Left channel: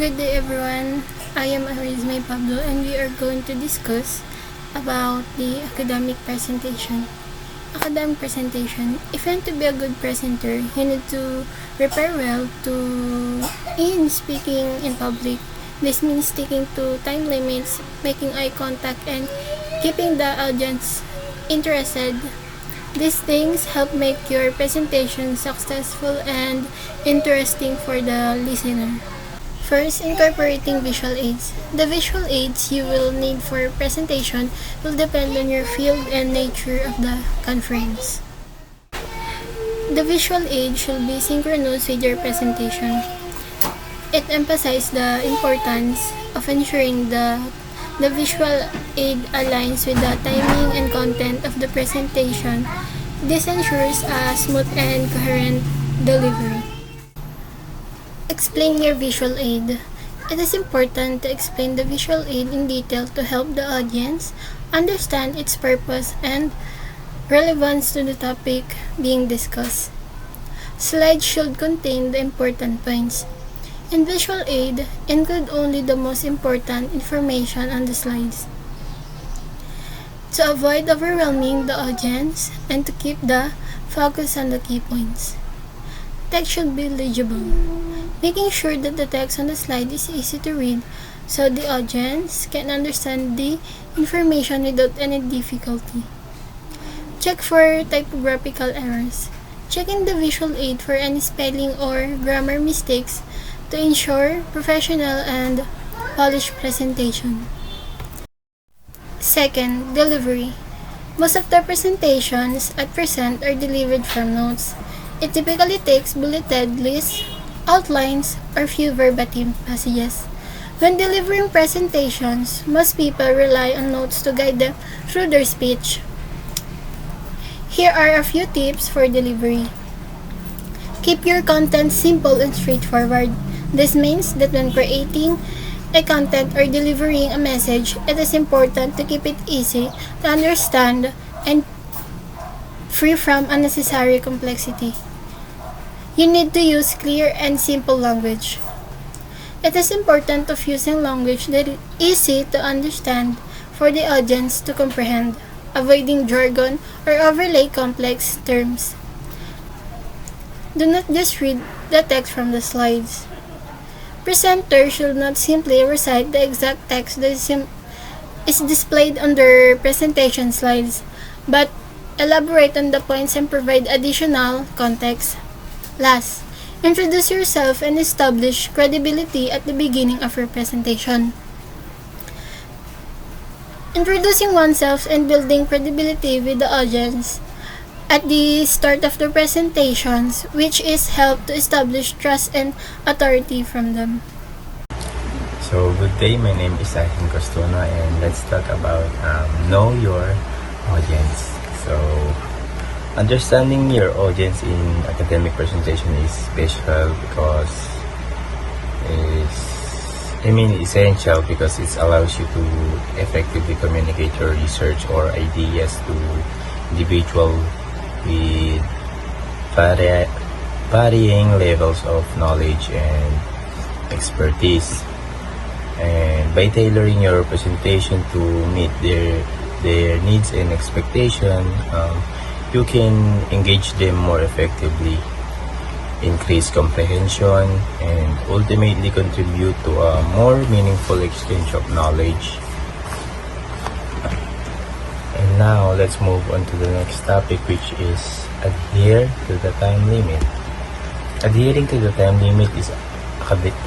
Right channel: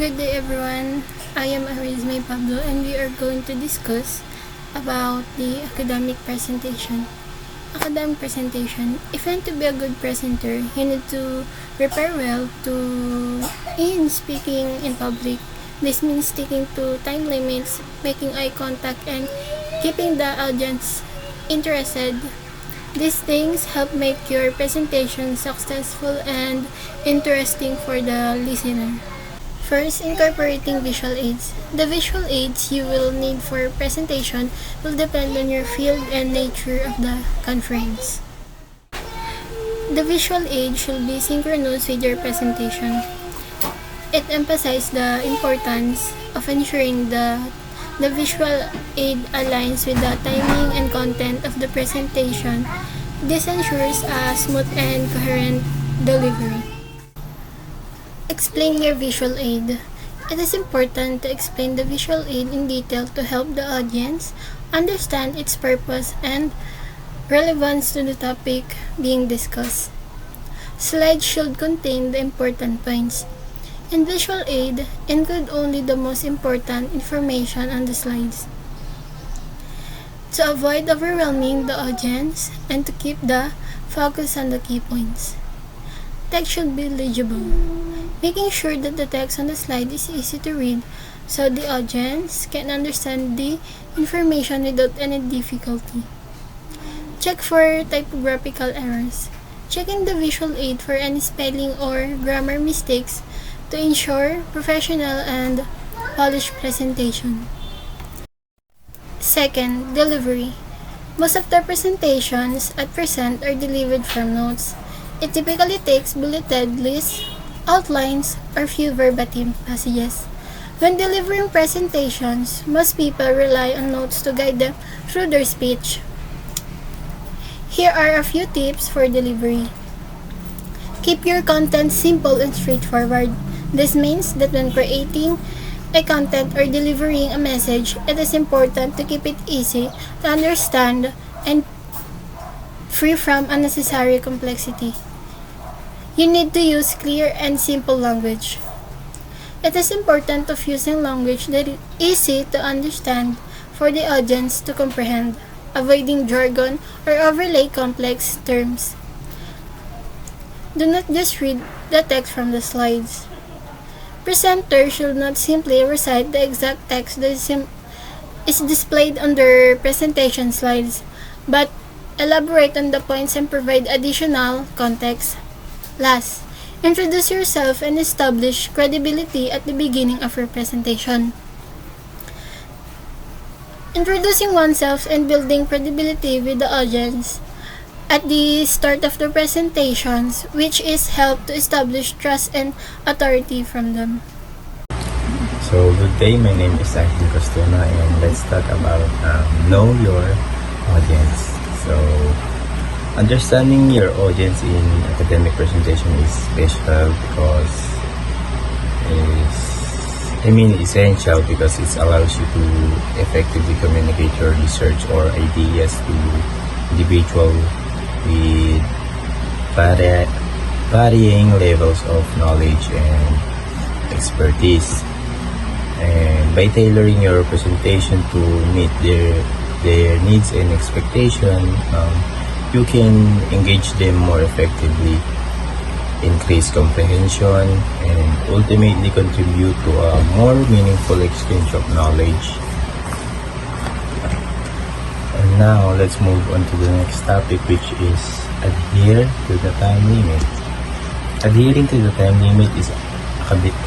Good day everyone, I am Arizme Pablo and we are going to discuss about the academic presentation. If you want to be a good presenter, you need to prepare well in speaking in public. This means sticking to time limits, making eye contact, and keeping the audience interested. These things help make your presentation successful and interesting for the listener. First, incorporating visual aids. The visual aids you will need for presentation will depend on your field and nature of the conference. The visual aid should be synchronous with your presentation. It emphasizes the importance of ensuring the visual aid aligns with the timing and content of the presentation. This ensures a smooth and coherent delivery. Explain your visual aid. It is important to explain the visual aid in detail to help the audience understand its purpose and relevance to the topic being discussed. Slides should contain the important points. In visual aid, include only the most important information on the slides. To avoid overwhelming the audience and to keep the focus on the key points. Text should be legible, making sure that the text on the slide is easy to read so the audience can understand the information without any difficulty. Check for typographical errors. Check in the visual aid for any spelling or grammar mistakes to ensure professional and polished presentation. Second, delivery. Most of the presentations at present are delivered from notes. It typically takes bulleted lists, outlines, or few verbatim passages. When delivering presentations, most people rely on notes to guide them through their speech. Here are a few tips for delivery. Keep your content simple and straightforward. This means that when creating a content or delivering a message, it is important to keep it easy to understand and free from unnecessary complexity. You need to use clear and simple language. It is important of using language that is easy to understand for the audience to comprehend, avoiding jargon or overlay complex terms. Do not just read the text from the slides. Presenters should not simply recite the exact text that is displayed on their presentation slides, but elaborate on the points and provide additional context. Last, introduce yourself and establish credibility at the beginning of your presentation. Introducing oneself and building credibility with the audience at the start of the presentations, which is help to establish trust and authority from them. So good day, my name is Aisin Costuna and let's talk about know your audience. So understanding your audience in academic presentation is special because essential because it allows you to effectively communicate your research or ideas to individuals with varying levels of knowledge and expertise. And by tailoring your presentation to meet their needs and expectations, you can engage them more effectively, increase comprehension, and ultimately contribute to a more meaningful exchange of knowledge. And now, let's move on to the next topic, which is adhere to the time limit. Adhering to the time limit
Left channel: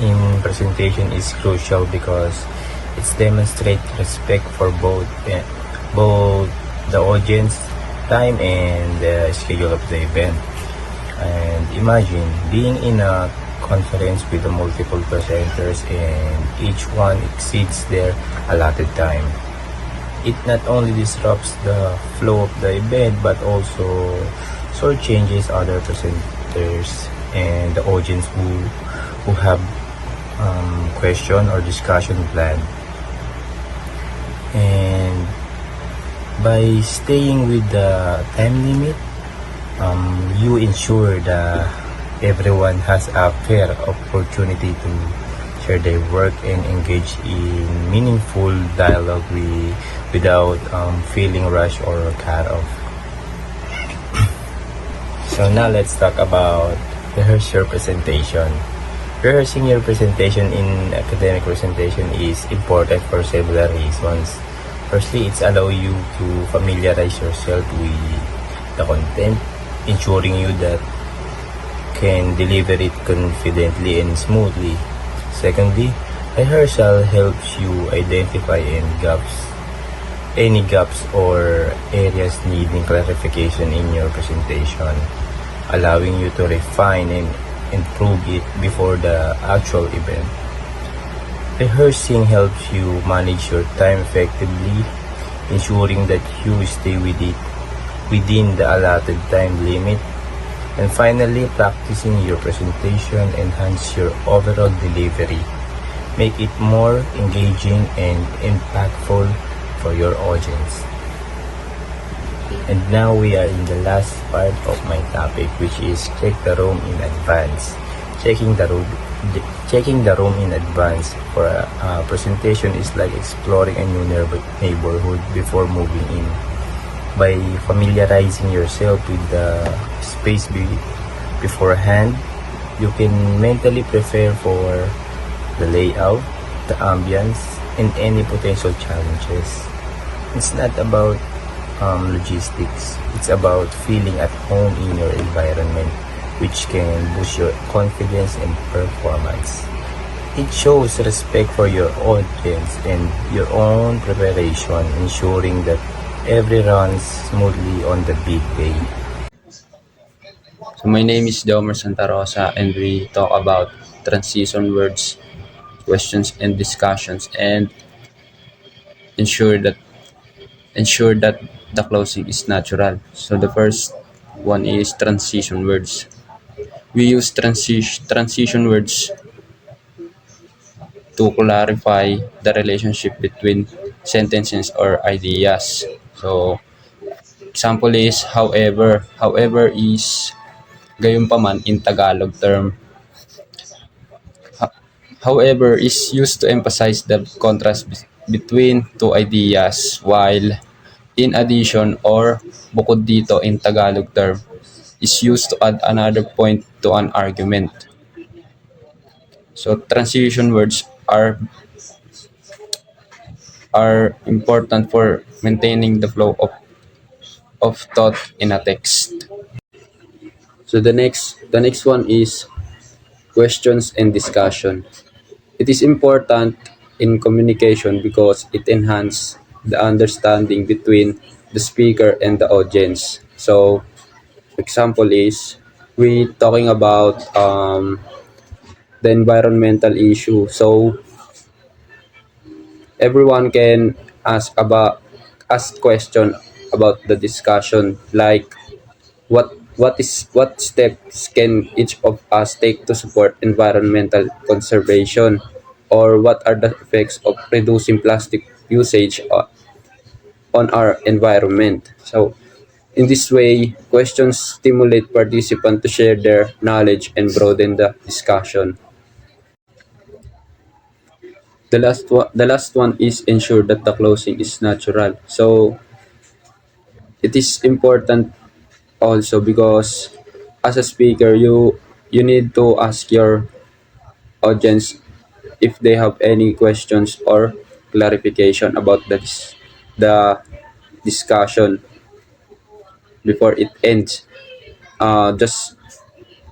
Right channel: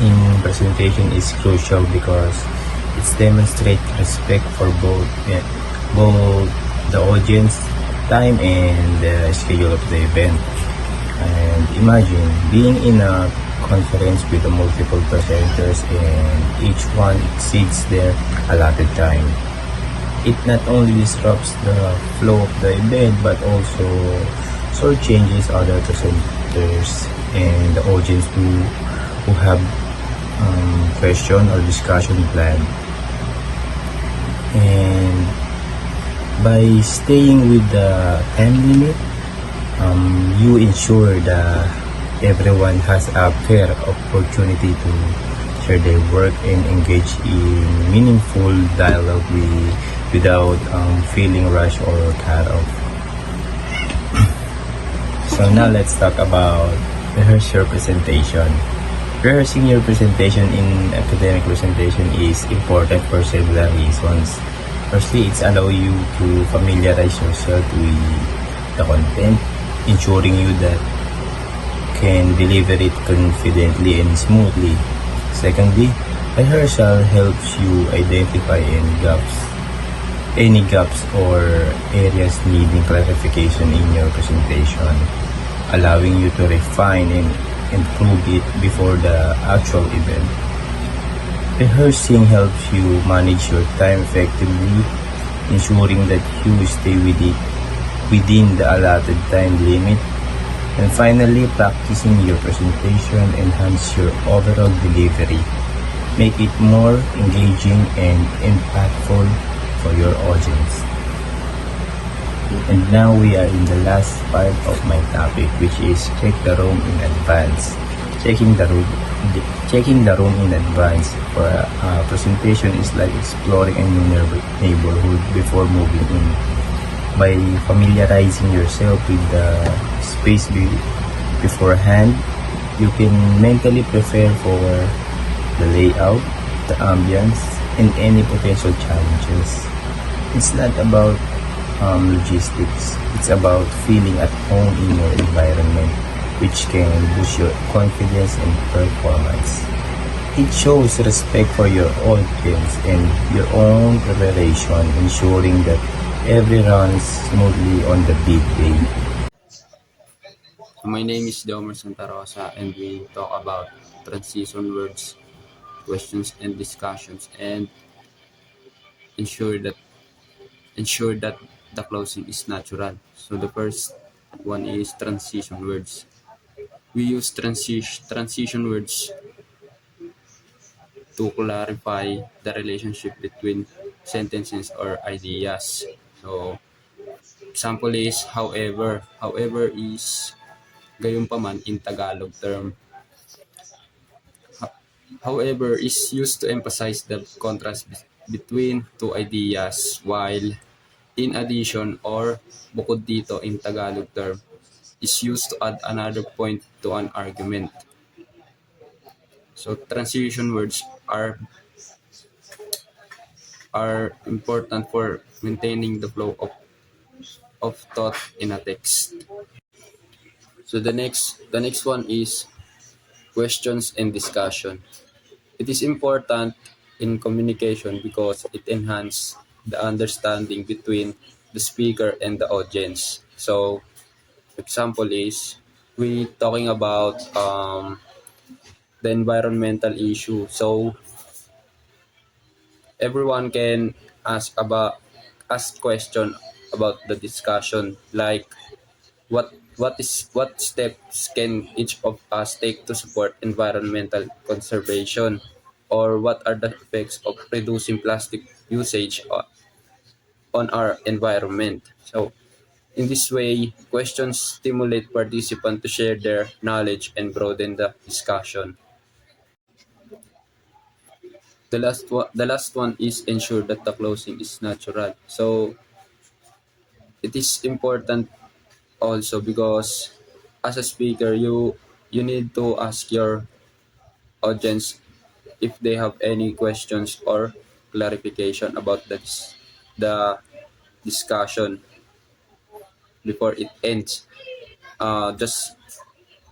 in presentation is crucial because it demonstrates respect for both the audience time and the schedule of the event. And imagine being in a conference with multiple presenters and each one exceeds their allotted time. It not only disrupts the flow of the event but also shortchanges other presenters and the audience who have question or discussion planned. And by staying with the time limit, you ensure that everyone has a fair opportunity to share their work, and engage in meaningful dialogue without feeling rushed or cut off. So now let's talk about rehearse your presentation. Rehearsing your presentation in academic presentation is important for several reasons. Firstly, it's allow you to familiarize yourself with the content, ensuring you that can deliver it confidently and smoothly. Secondly, rehearsal helps you identify any gaps or areas needing clarification in your presentation, allowing you to refine and improve it before the actual event. Rehearsing helps you manage your time effectively, ensuring that you stay within the allotted time limit. And finally, practicing your presentation enhance your overall delivery, make it more engaging and impactful for your audience. And now we are in the last part of my topic, which is check the room in advance. Checking the room in advance for a presentation is like exploring a new neighborhood before moving in. By familiarizing yourself with the space beforehand, you can mentally prepare for the layout, the ambience, and any potential challenges. It's not about logistics. It's about feeling at home in your environment, which can boost your confidence and performance. It shows respect for your audience and your own preparation, ensuring that every runs smoothly on the big day. So my name is Domer Santa Rosa and we talk about transition words, questions and discussions and ensure that ensure that the closing is natural. So the first one is transition words. We use transition words to clarify the relationship between sentences or ideas. So example is however. However is gayunpaman in Tagalog term. However is used to emphasize the contrast between two ideas, while in addition or bukod dito in Tagalog term is used to add another point to an argument. So transition words are important for maintaining the flow of thought in a text. So the next one is questions and discussion. It is important in communication because it enhances the understanding between the speaker and the audience. So example is we talking about the environmental issue. So everyone can ask question about the discussion, like what steps can each of us take to support environmental conservation, or what are the effects of reducing plastic usage on our environment. So in this way, questions stimulate participants to share their knowledge and broaden the discussion. The last one is ensure that the closing is natural. So it is important also because as a speaker you need to ask your audience if they have any questions or clarification about the discussion before it ends. Just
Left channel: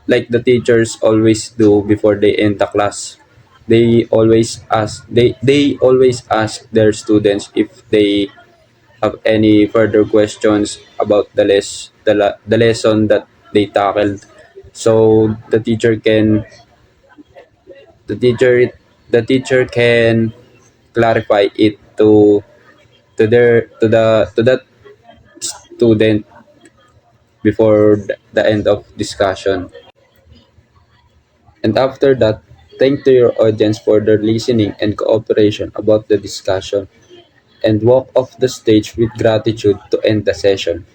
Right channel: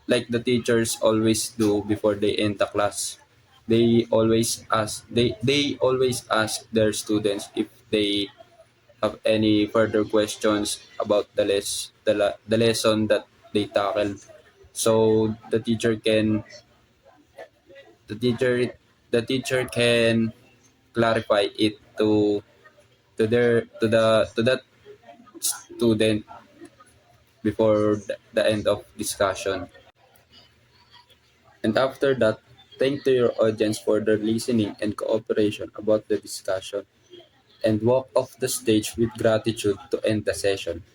like the teachers always do before they end the class, they always ask their students if they have any further questions about the lesson that they tackled. So the teacher can clarify it to that student before the end of discussion. And after that, thank to your audience for their listening and cooperation about the discussion, and walk off the stage with gratitude to end the session.